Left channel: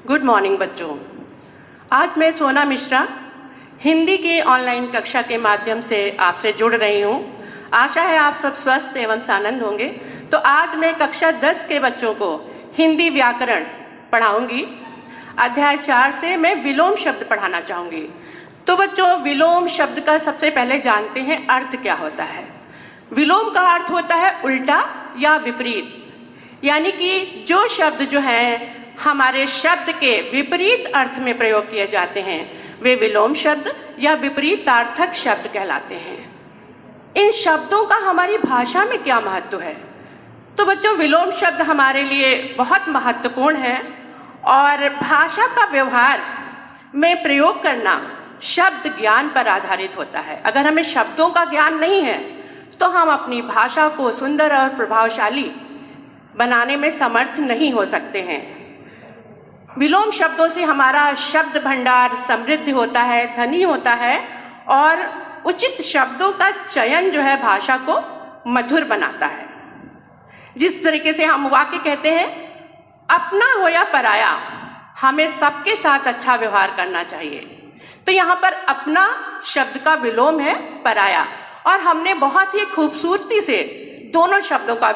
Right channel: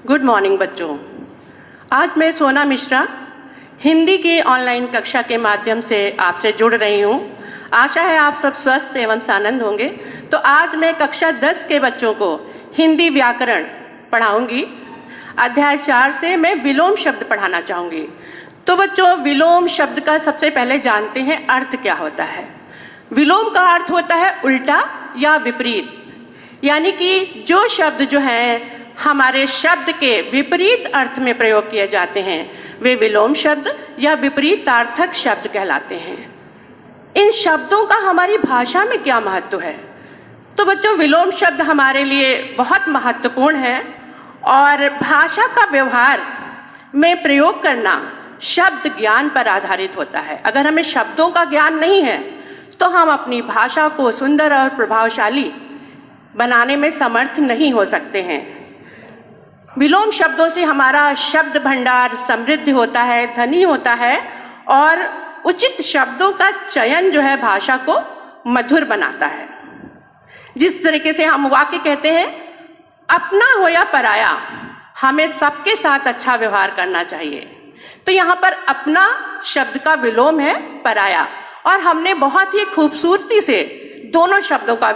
Good morning बच्चों। आज मैं सोना मिश्रा हिंदी की ऑनलाइन कक्षा के माध्यम से आपसे जुड़ रही हूँ। आशा है आप सब स्वस्थ एवं सानंद होंगे। तो आज मैं कक्षा 10 के बच्चों को हिंदी व्याकरण पढ़ाऊंगी। अध्याय 4 से मैं विलोम शब्द पढ़ाना चाहूंगी। तो बच्चों, विलोम शब्द का सबसे पहले जानते हैं अर्थ क्या होता है। विलोम का अर्थ होता है उल्टा या विपरीत, यानी कि जो शब्द जो है हमारे शब्द के विपरीत अर्थ में प्रयोग किए जाते हैं वे विलोम शब्द या विपरीतार्थक शब्द कहलाते हैं। इन शब्दों का हमारी भाषा में क्या महत्व है? तो बच्चों, विलोम शब्द हमारे लिए बहुत महत्वपूर्ण है और भाषा का व्यवहार में प्रयोग करना शब्द ज्ञान पर आधारित होता है। अगर हमें शब्दों का ज्ञान नहीं है तो हम अपनी भाषा को सुंदर और प्रभावशाली बनाने में समर्थ नहीं हो सकते हैं। विलोम शब्दों से हमारा शब्द भंडार समृद्ध होता है, धनी होता है और उचित शब्दों का चयन जो है भाषा को मधुर बनाता है। जिस तरीके से हम वाक्य कहते हैं, अपना हो या पराया, हमें सबके साथ अच्छा व्यवहार करना चाहिए। तो यहाँ पर अपना शब्द का विलोम है पराया, और हमने बहुत ही खूबसूरती से दोनों शब्दों का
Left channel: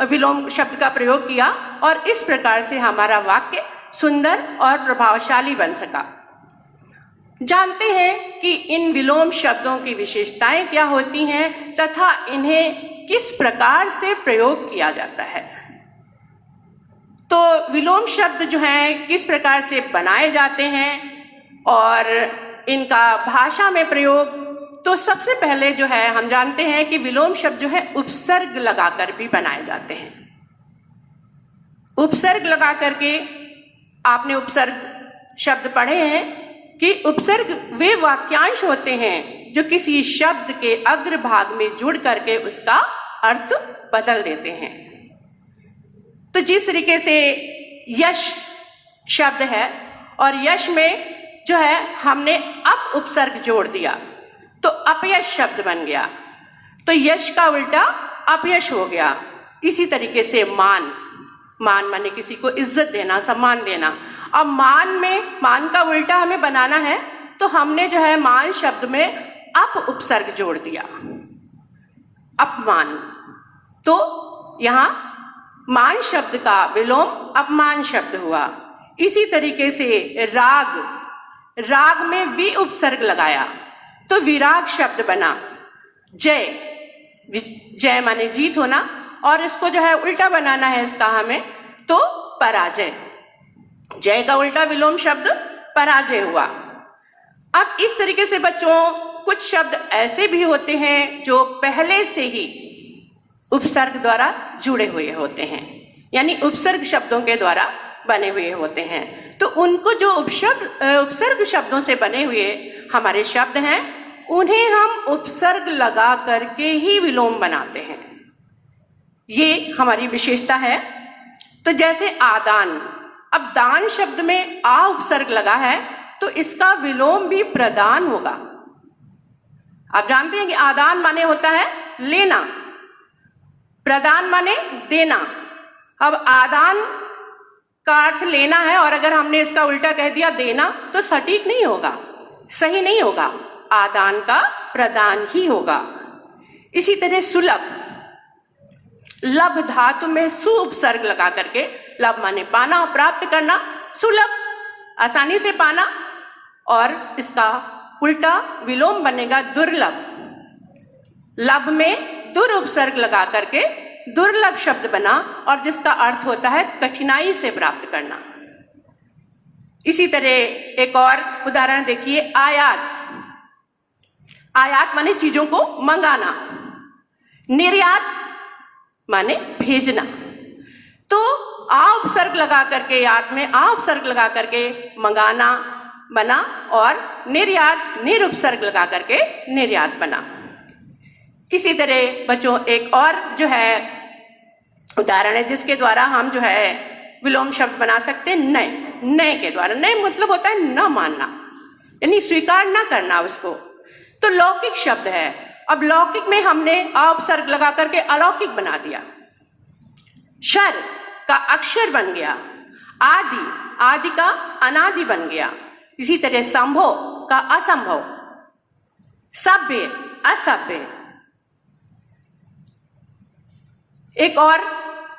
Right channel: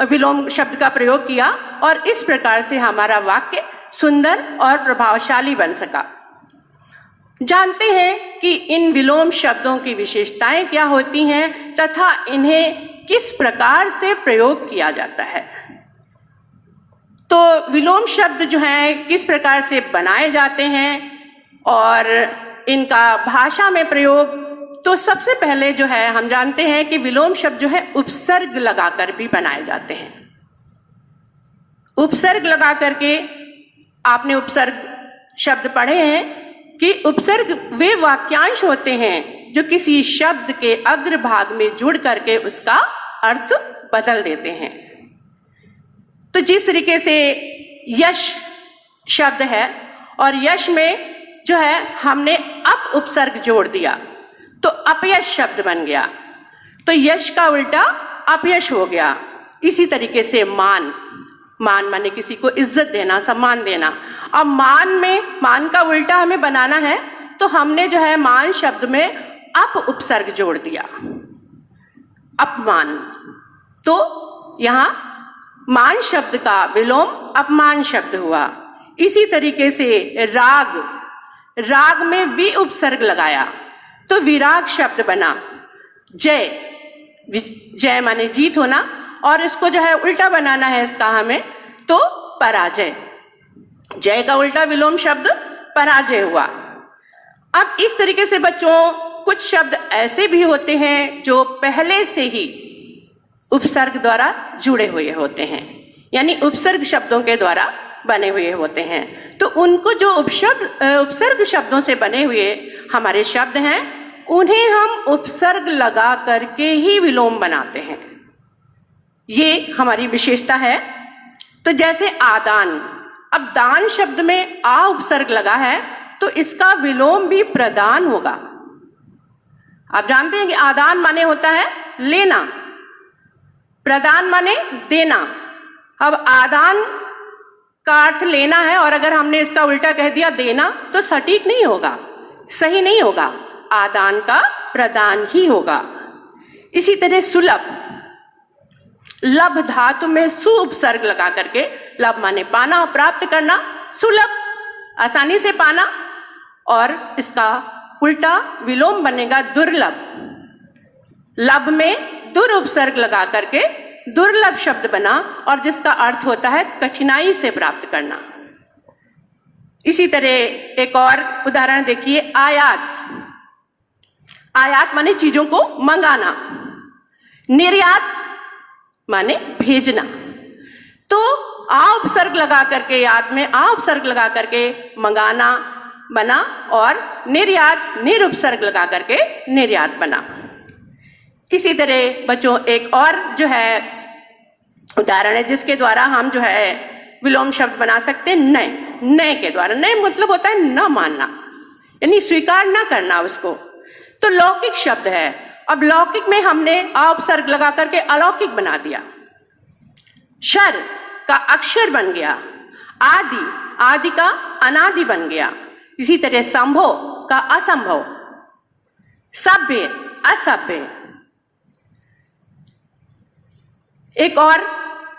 विलोम शब्द का प्रयोग किया और इस प्रकार से हमारा वाक्य सुंदर और प्रभावशाली बन सका। जानते हैं कि इन विलोम शब्दों की विशेषताएं क्या होती हैं तथा इन्हें किस प्रकार से प्रयोग किया जाता है। तो विलोम शब्द जो हैं किस प्रकार से बनाए जाते हैं और इनका भाषा में प्रयोग, तो सबसे पहले जो है हम जानते हैं कि विलोम शब्द जो है उपसर्ग लगाकर भी बनाए जाते हैं। उपसर्ग लगा करके आपने उपसर्ग शब्द पढ़े हैं कि उपसर्ग वे वाक्यांश होते हैं जो किसी शब्द के अग्र भाग में जुड़ करके उसका अर्थ बदल देते हैं। तो जिस तरीके से यश शब्द है और यश में जो है हमने अप उपसर्ग जोड़ दिया तो अपयश शब्द बन गया, तो यश का उल्टा अपयश हो गया। इसी तरीके से मान माने किसी को इज्जत देना, सम्मान देना। अब मान का उल्टा हमें बनाना है तो हमने जो है मान शब्द में अप उपसर्ग जोड़ दिया, अपमान। तो यहाँ मान शब्द का विलोम अपमान शब्द हुआ। इसी तरीके से राग में वि उपसर्ग लगाया तो विराग शब्द बना। जय माने जीत होना, और इसको जो है उल्टा बनाना है इसका हमें, तो पराजय। जय का उल्टा विलोम शब्द पराजय हुआ। अब इस तरीके से बच्चों कुछ शब्द ऐसे भी होते हैं जो पहले से ही उपसर्ग द्वारा जुड़े हुए होते हैं, यानी उपसर्ग शब्दों के द्वारा बने हुए होते हैं। तो उनको जो उपसर्ग शब्दों से बने हुए हमारे शब्द हैं उन्हें हम उपसर्ग लगा करके ही विलोम बनाते हैं। ये हमारी विशेषता है। तो जैसे आदान, अब दान शब्द में आ उपसर्ग लगा है तो इसका विलोम भी प्रदान होगा। आप जानते हैं कि आदान माने होता है लेना, प्रदान माने देना। अब आदान का अर्थ लेना है और अगर हमने इसका उल्टा कह दिया देना तो सटीक नहीं होगा, सही नहीं होगा। आदान का प्रदान ही होगा। इसी तरह सुलभ, लभ धातु में सु उपसर्ग लगा करके, लभ माने पाना और प्राप्त करना, सुलभ आसानी से पाना, और इसका उल्टा विलोम बनेगा दुर्लभ। लभ में दुर उपसर्ग लगा करके दुर्लभ शब्द बना और जिसका अर्थ होता है कठिनाई से प्राप्त करना। इसी तरह एक और उदाहरण देखिए, आयात माने चीजों को मंगाना, निर्यात माने भेजना। तो आ उपसर्ग लगा करके याद में आ उपसर्ग लगा करके मंगाना बना और निर्यात निर उपसर्ग लगा करके निर्यात बना। इसी तरह बच्चों एक और जो है उदाहरण है जिसके द्वारा हम जो है विलोम शब्द बना सकते हैं नय के द्वारा। नय मतलब होता है न मानना, यानी स्वीकार न करना उसको। तो लौकिक शब्द है। अब लौकिक में हमने आ उपसर्ग लगा करके अलौकिक बना दिया। शर का अक्षर बन गया। आदि का अनादि बन गया। इसी तरह संभव का असंभव, सभ्य असभ्य। एक और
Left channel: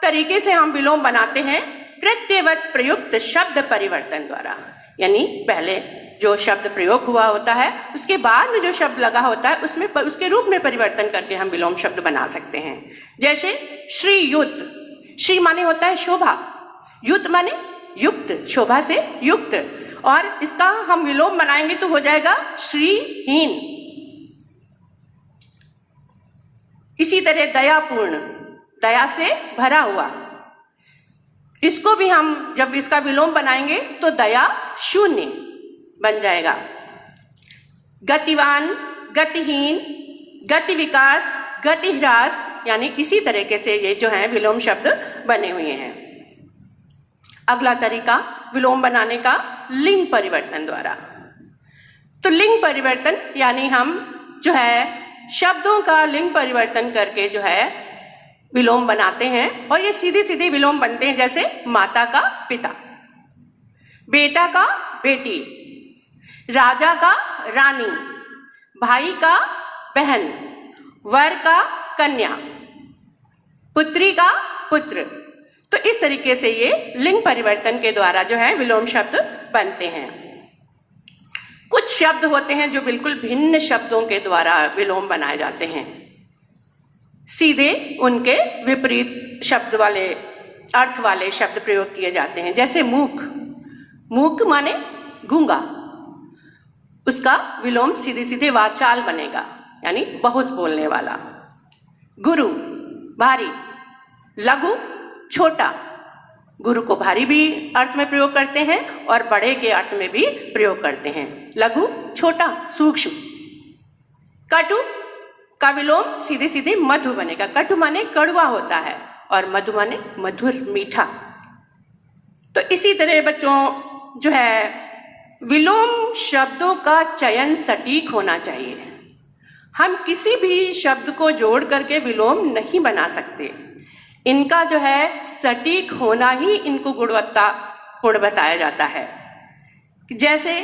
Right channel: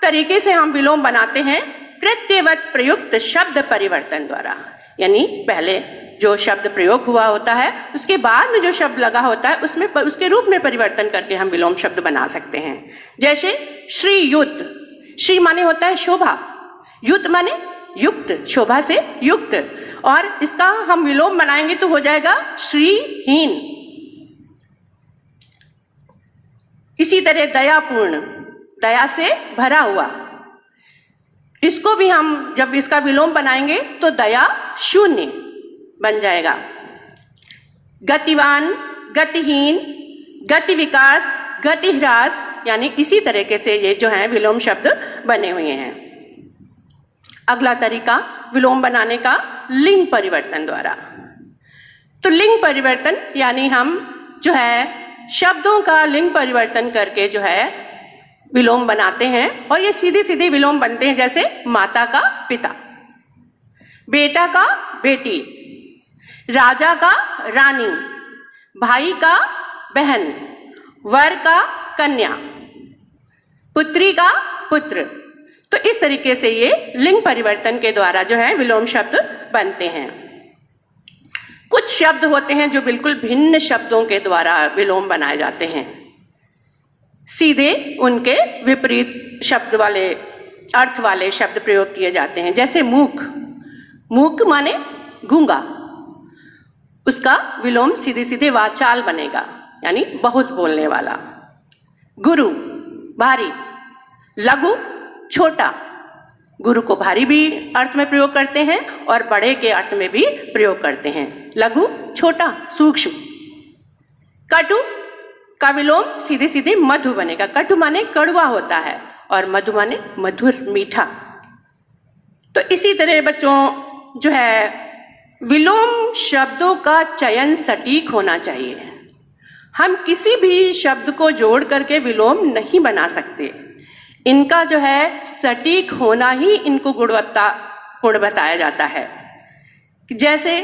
तरीके से हम विलोम बनाते हैं प्रत्ययवत प्रयुक्त शब्द परिवर्तन द्वारा, यानी पहले जो शब्द प्रयोग हुआ होता है उसके बाद में जो शब्द लगा होता है उसमें उसके रूप में परिवर्तन करके हम विलोम शब्द बना सकते हैं। जैसे श्री युक्त, श्री माने होता है शोभा, युक्त माने युक्त, शोभा से युक्त, और इसका हम विलोम बनाएंगे तो हो जाएगा श्रीहीन। इसी तरह दयापूर्ण, दया से भरा हुआ, इसको भी हम जब इसका विलोम बनाएंगे तो दया शून्य बन जाएगा। गतिवान, गतिहीन, गति विकास, गति ह्रास, यानी इसी तरीके से ये जो है विलोम शब्द बने हुए हैं। अगला तरीका विलोम बनाने का लिंग परिवर्तन द्वारा। तो लिंग परिवर्तन यानी हम जो है शब्दों का लिंग परिवर्तन करके जो है विलोम बनाते हैं, और ये सीधे सीधे विलोम बनते हैं। जैसे माता का पिता, बेटा का बेटी, राजा का रानी, भाई का बहन, वर का कन्या, पुत्री का पुत्र। तो इस तरीके से ये लिंग परिवर्तन के द्वारा जो है विलोम शब्द बनते हैं। कुछ शब्द होते हैं जो बिल्कुल भिन्न शब्दों के द्वारा विलोम बनाए जाते हैं, सीधे उनके विपरीत शब्द वाले अर्थ वाले शब्द प्रयोग किए जाते हैं। जैसे मूक, मूक माने गूंगा, उसका विलोम सीधे सीधे वाचाल बनेगा, यानी बहुत बोलने वाला। गुरु भारी, लघु छोटा, गुरु को भारी भी अर्थ में प्रयोग करते हैं और बड़े के अर्थ में भी प्रयोग करते हैं। लघु छोटा सूक्ष्म। कटु का विलोम सीधे सीधे मधु बनेगा, कटु माने कड़वा होता है और मधु माने मधुर मीठा। तो इसी तरह बच्चों जो है विलोम शब्दों का चयन सटीक होना चाहिए। हम किसी भी शब्द को जोड़ करके विलोम नहीं बना सकते, इनका जो है सटीक होना ही इनको गुण बताया जाता है। जैसे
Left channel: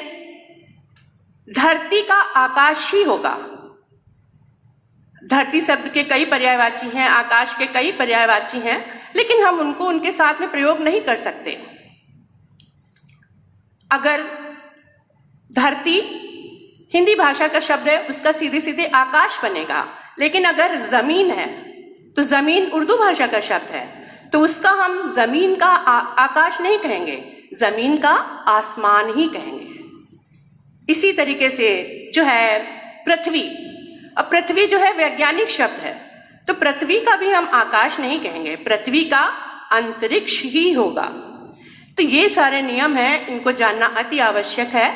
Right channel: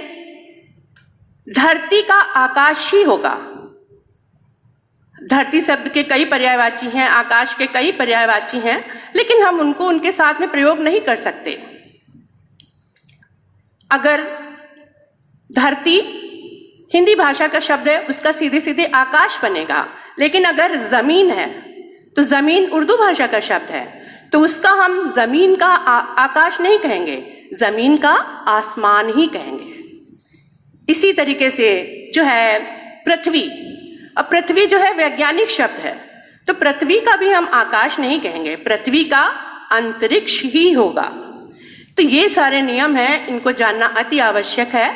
धरती का आकाश ही होगा, धरती शब्द के कई पर्यायवाची हैं, आकाश के कई पर्यायवाची हैं, लेकिन हम उनको उनके साथ में प्रयोग नहीं कर सकते। अगर धरती हिंदी भाषा का शब्द है, उसका सीधे सीधे आकाश बनेगा, लेकिन अगर जमीन है तो जमीन उर्दू भाषा का शब्द है, तो उसका हम जमीन का आकाश नहीं कहेंगे, जमीन का आसमान ही कहेंगे। इसी तरीके से जो है पृथ्वी, अब पृथ्वी जो है वैज्ञानिक शब्द है, तो पृथ्वी का भी हम आकाश नहीं कहेंगे, पृथ्वी का अंतरिक्ष ही होगा। तो ये सारे नियम हैं, इनको जानना अति आवश्यक है,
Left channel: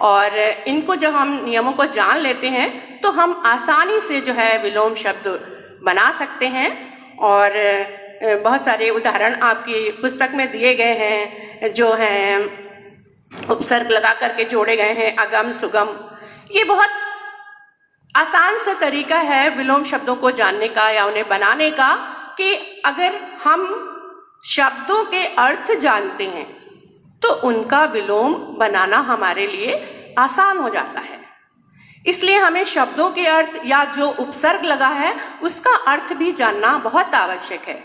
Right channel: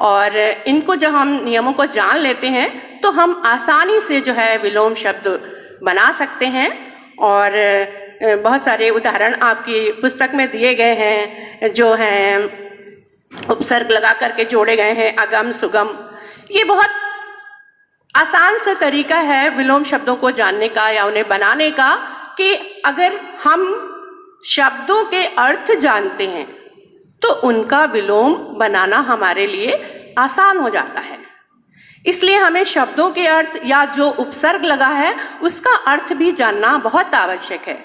और इनको जब हम नियमों को जान लेते हैं तो हम आसानी से जो है विलोम शब्द बना सकते हैं। और बहुत सारे उदाहरण आपकी पुस्तक में दिए गए हैं, जो हैं उपसर्ग लगा करके जोड़े गए हैं, अगम सुगम। ये बहुत आसान सा तरीका है विलोम शब्दों को जानने का या उन्हें बनाने का, कि अगर हम शब्दों के अर्थ जानते हैं तो उनका विलोम बनाना हमारे लिए आसान हो जाता है। इसलिए हमें शब्दों के अर्थ या जो उपसर्ग लगा है उसका अर्थ भी जानना बहुत आवश्यक है।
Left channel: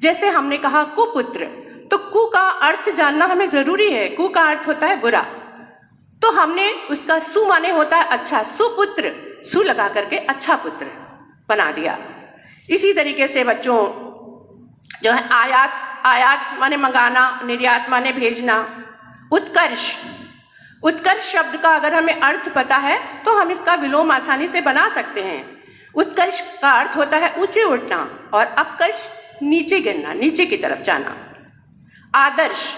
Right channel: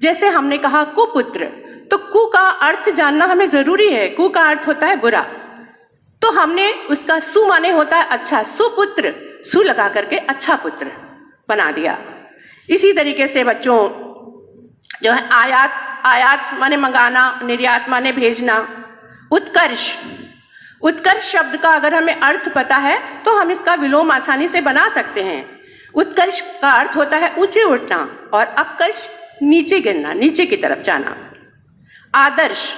जैसे हमने कहा कुपुत्र, तो कु का अर्थ जानना हमें जरूरी है। कु का अर्थ होता है बुरा, तो हमने उसका सु माने होता है अच्छा, सुपुत्र, सु लगा करके अच्छा पुत्र बना दिया। इसी तरीके से बच्चों जो है आयात, आयात माने मंगाना, निर्यात माने भेजना। उत्कर्ष, उत्कर्ष शब्द का अगर हमें अर्थ पता है तो हम इसका विलोम आसानी से बना सकते हैं। उत्कर्ष का अर्थ होता है ऊंचे उठना, और अपकर्ष नीचे गिरना, नीचे की तरफ जाना। आदर्श,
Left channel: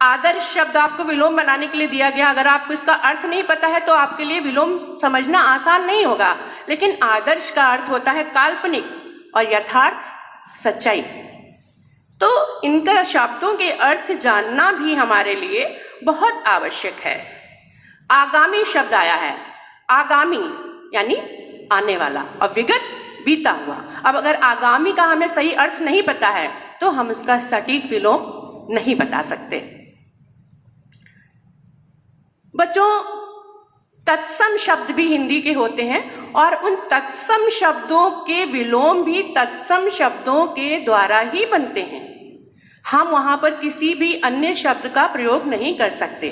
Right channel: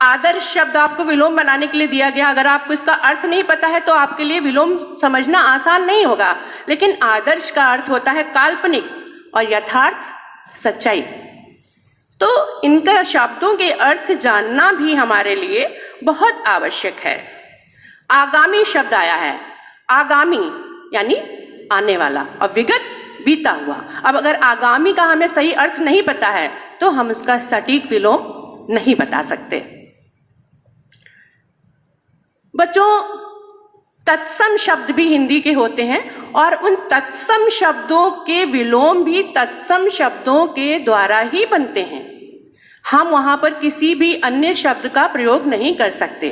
आदर्श शब्द आपको विलोम बनाने के लिए दिया गया, अगर आपको इसका अर्थ नहीं पता है तो आपके लिए विलोम समझना आसान नहीं होगा। लेकिन आदर्श का अर्थ होता है काल्पनिक और यथार्थ सच्चाई। तो इनका शब्दों के अर्थ जानना भी हमारे लिए बहुत आवश्यक है। आगामी शब्द आया है, आगामी यानी आने वाला, और विगत बीता हुआ। अब अगर आगामी का हमें सही अर्थ नहीं पता है तो हम उसका सटीक विलोम नहीं बता सकते। बच्चों, तत्सम शब्द भी हिंदी के होते हैं और उन तत्सम शब्दों के विलोम भी तत्सम शब्दों के द्वारा ही बनते हैं। हम वहां पर किसी भी अन्य शब्द का प्रयोग नहीं कर सकते।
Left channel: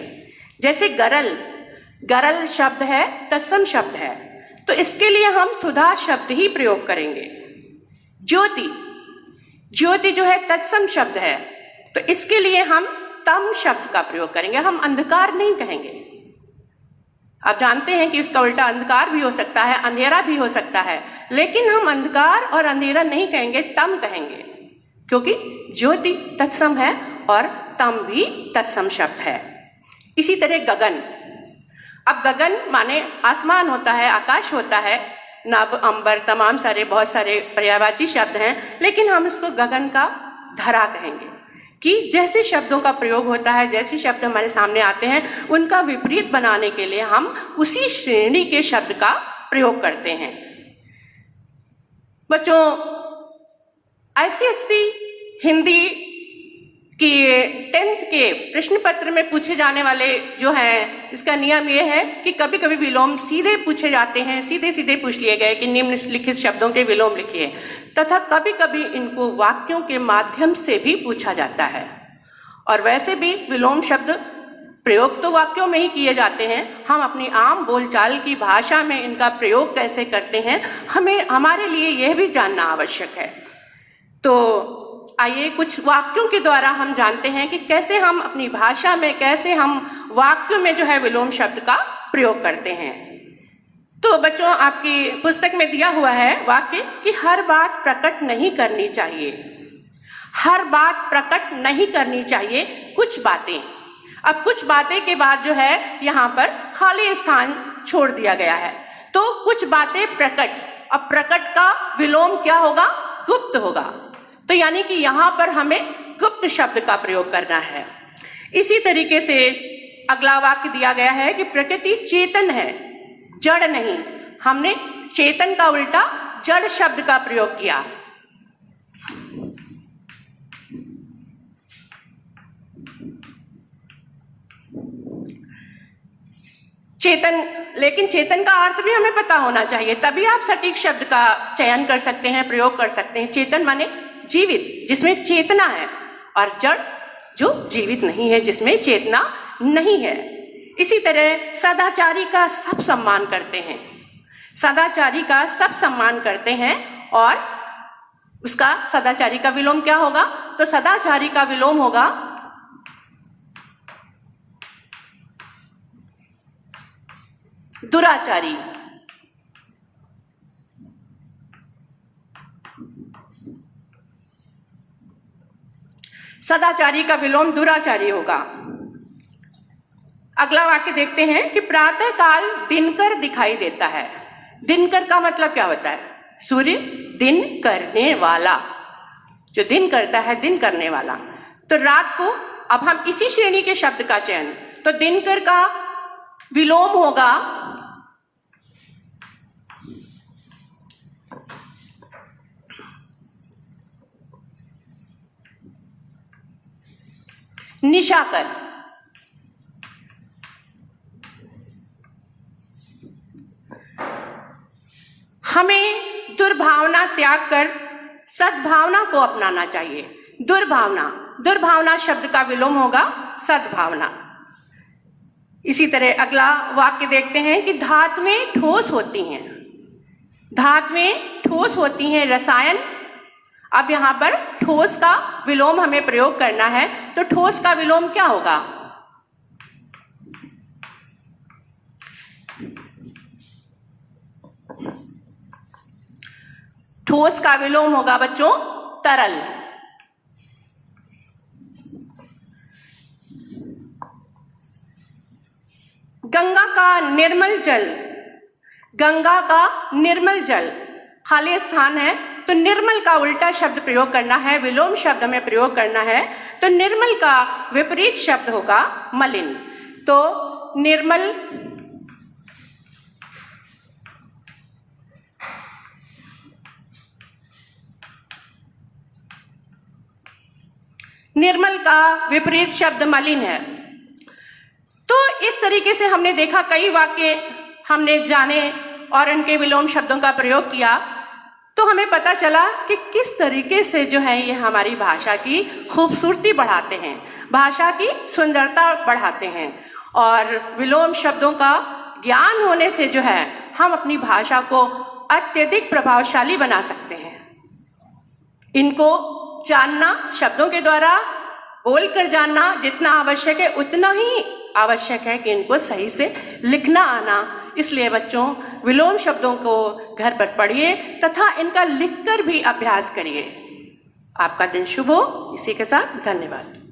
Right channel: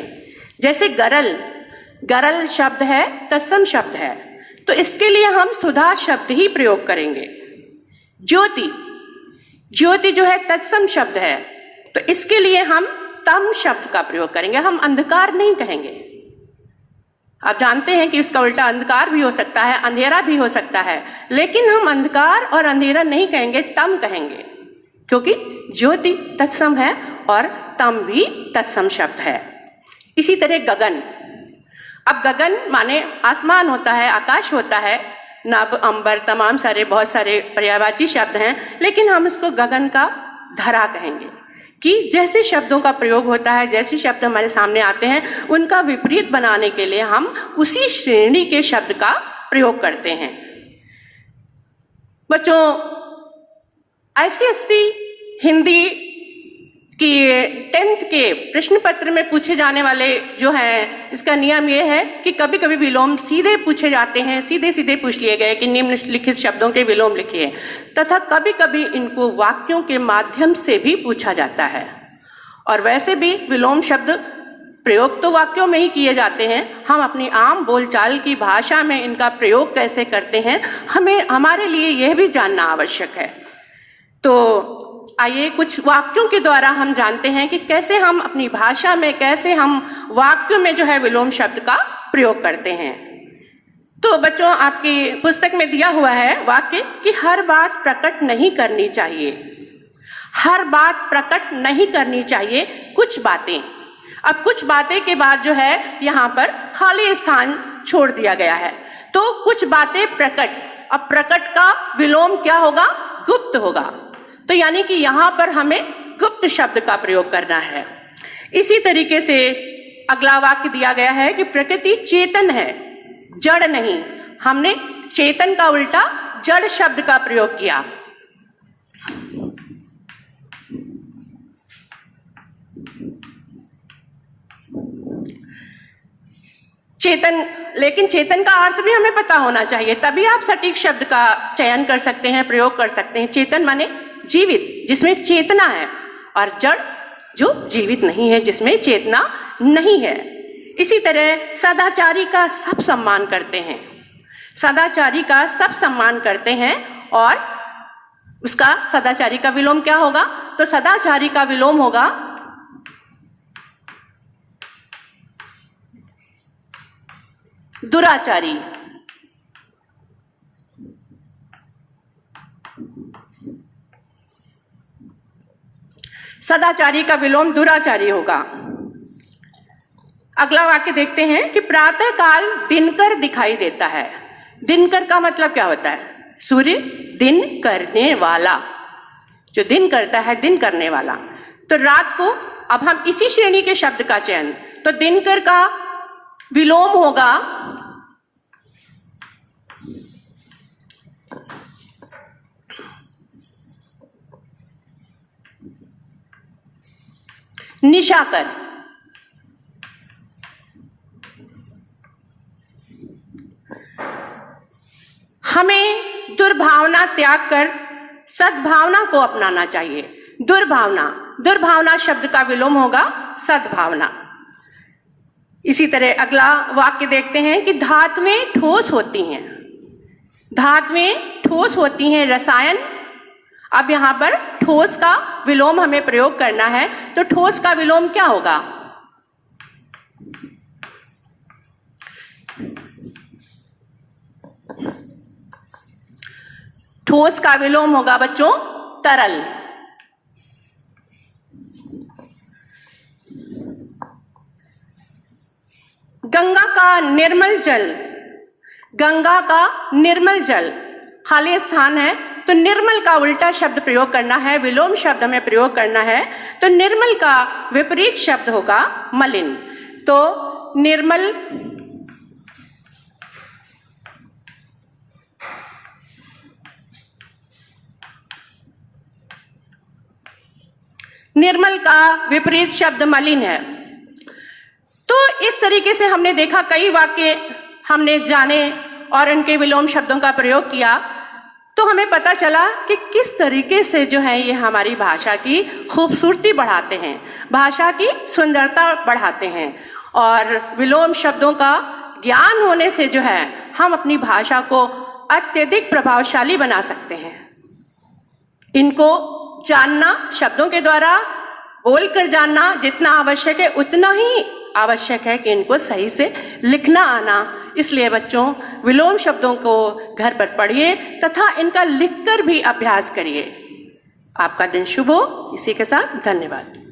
जैसे गरल, गरल शब्द है, तत्सम शब्द है, तो इसके लिए हम सुधा शब्द ही प्रयोग करेंगे। ज्योति, ज्योति जो है तत्सम शब्द है, तो इसके लिए हम तम शब्द का प्रयोग करेंगे, हम अंधकार नहीं कहेंगे। आप जानते हैं कि उसका उल्टा अंधकार भी हो सकता है, अंधेरा भी हो सकता है, लेकिन हम अंधकार और अंधेरा नहीं कहेंगे, तम कहेंगे, क्योंकि ज्योति तत्सम है और तम भी तत्सम शब्द है। इसी तरह गगन, अब गगन माने आसमान होता है, आकाश होता है, नभ, अंबर, तमाम सारे बहुत सारे पर्यायवाची शब्द हैं, लेकिन हम इसको गगन का धरा कहेंगे कि जैसे शब्दों का प्रयोग होता है, जैसे शब्द हमारे सामने आते हैं, उनका विपरीत बनाने के लिए हम उसी श्रेणी के शब्द का प्रयोग करते हैं। बच्चों, ICSE हिंदी कि 10th के प्रश्न पत्र में पूछे जाने वाले जो है, इसका नियम यह है कि कभी कभी विलोम सीधे पूछे जाते हैं, सीधे सीधे पूछ लिए गए कि निम्नलिखित शब्दों के विलोम लिखिए, तथा कभी कभी इनको वाक्यों के माध्यम से भी पूछा जाता है। और वैसे भी विलोम शब्द प्रयोग तो वाक्यों में ही किए जाते हैं, हम अपनी आम बोलचाल की भाषा में इनका प्रयोग कैसे करते हैं, हमारे लिए यह भी जानना आवश्यक है। तो आइए कुछ वाक्यों के द्वारा हम जानते हैं कि कैसे हम अपनी भाषा में, कैसे हम वाक्यों में जो है विलोम शब्द का प्रयोग करते हैं। तो बच्चों, आपकी पुस्तक में दिया हुआ है वाक्य कि हर बात प्रकट नहीं करनी चाहिए, हर बात प्रकट नहीं करनी चाहिए, कुछ बातें। अब कुछ बातें के बाद जो है यहाँ पर खाली स्थान छोड़ दिया गया है, तो कुछ बातें प्रकट। अब प्रकट का विलोम क्या होगा? गुप्त होगा। तो यानी कि यहां पर हमें गुप्त शब्द का प्रयोग करना है। इसी तरीके से अगला वाक्य दिया गया है कि प्रकृति चेतन है, जड़ नहीं। हमने चेतन का उल्टा जड़ शब्द का प्रयोग किया। चेतन, लेकिन चेतन का अर्थ भी हमें पता होना चाहिए, तभी आप सटीक शब्द का चयन कर सकते हैं, प्रयोग कर सकते हैं। चेतन माने जीवित, जिसमें चेतना है, और जड़ जो जीवित नहीं है, जिसमें चेतना नहीं है। इसी तरह सदाचारी का सब सम्मान करते हैं, सदाचारी का सब सम्मान करते हैं, और उसका सदाचारी का विलोम क्या होगा? तो सदाचारी का विलोम होगा दुराचारी। सदाचारी का विलोम दुराचारी होगा। अगला वाक्य देखते हैं कि प्रातः काल दिनकर दिखाई देता है। दिनकर का मतलब क्या होता है? सूर्य, दिन करने वाला, जो दिन करता है, दिन करने वाला। तो रात को, अब हम इसी श्रेणी के शब्द का चयन, तो दिनकर का विलोम होगा निशाकर। हमें दुर्भावना त्याग कर सद्भावना को अपनाना चाहिए। दुर्भावना, दुर्भावना शब्द का विलोम होगा सद्भावना। इसी तरह अगला वाक्य देखते हैं कि धातुएं ठोस होती हैं, धातुएं ठोस होती हैं, रसायन। अब यहां पर ठोस का विलोम हमें प्रयोग करना है, तो ठोस का विलोम क्या होगा? ठोस का विलोम होगा बच्चों तरल। गंगा का निर्मल जल, गंगा का निर्मल जल, खाली स्थान है, तो निर्मल का उल्टा शब्द प्रयोग करना है, विलोम शब्द हमें प्रयोग करना है। तो निर्मल का विपरीत शब्द होगा मलिन। तो निर्मल, निर्मल का विपरीत शब्द मलिन है। तो इस तरीके से हमने देखा, कई वाक्य हमने जाने और इनके विलोम शब्दों का प्रयोग किया, तो हमें पता चला कि किस तरीके से जो है ये हमारी भाषा की खूबसूरती बढ़ाते हैं, भाषा की सुंदरता बढ़ाते हैं। और विलोम शब्दों का ज्ञान होने से जो है हम अपनी भाषा को अत्यधिक प्रभावशाली बना सकते हैं। इनको जानना, शब्दों के द्वारा बोलकर जानना जितना आवश्यक है, उतना ही आवश्यक है कि इनको सही से लिखना आना। इसलिए बच्चों, विलोम शब्दों को घर पर पढ़िए तथा इनका लिखकर भी अभ्यास करिए। आपका दिन शुभ हो। इसी के साथ धन्यवाद।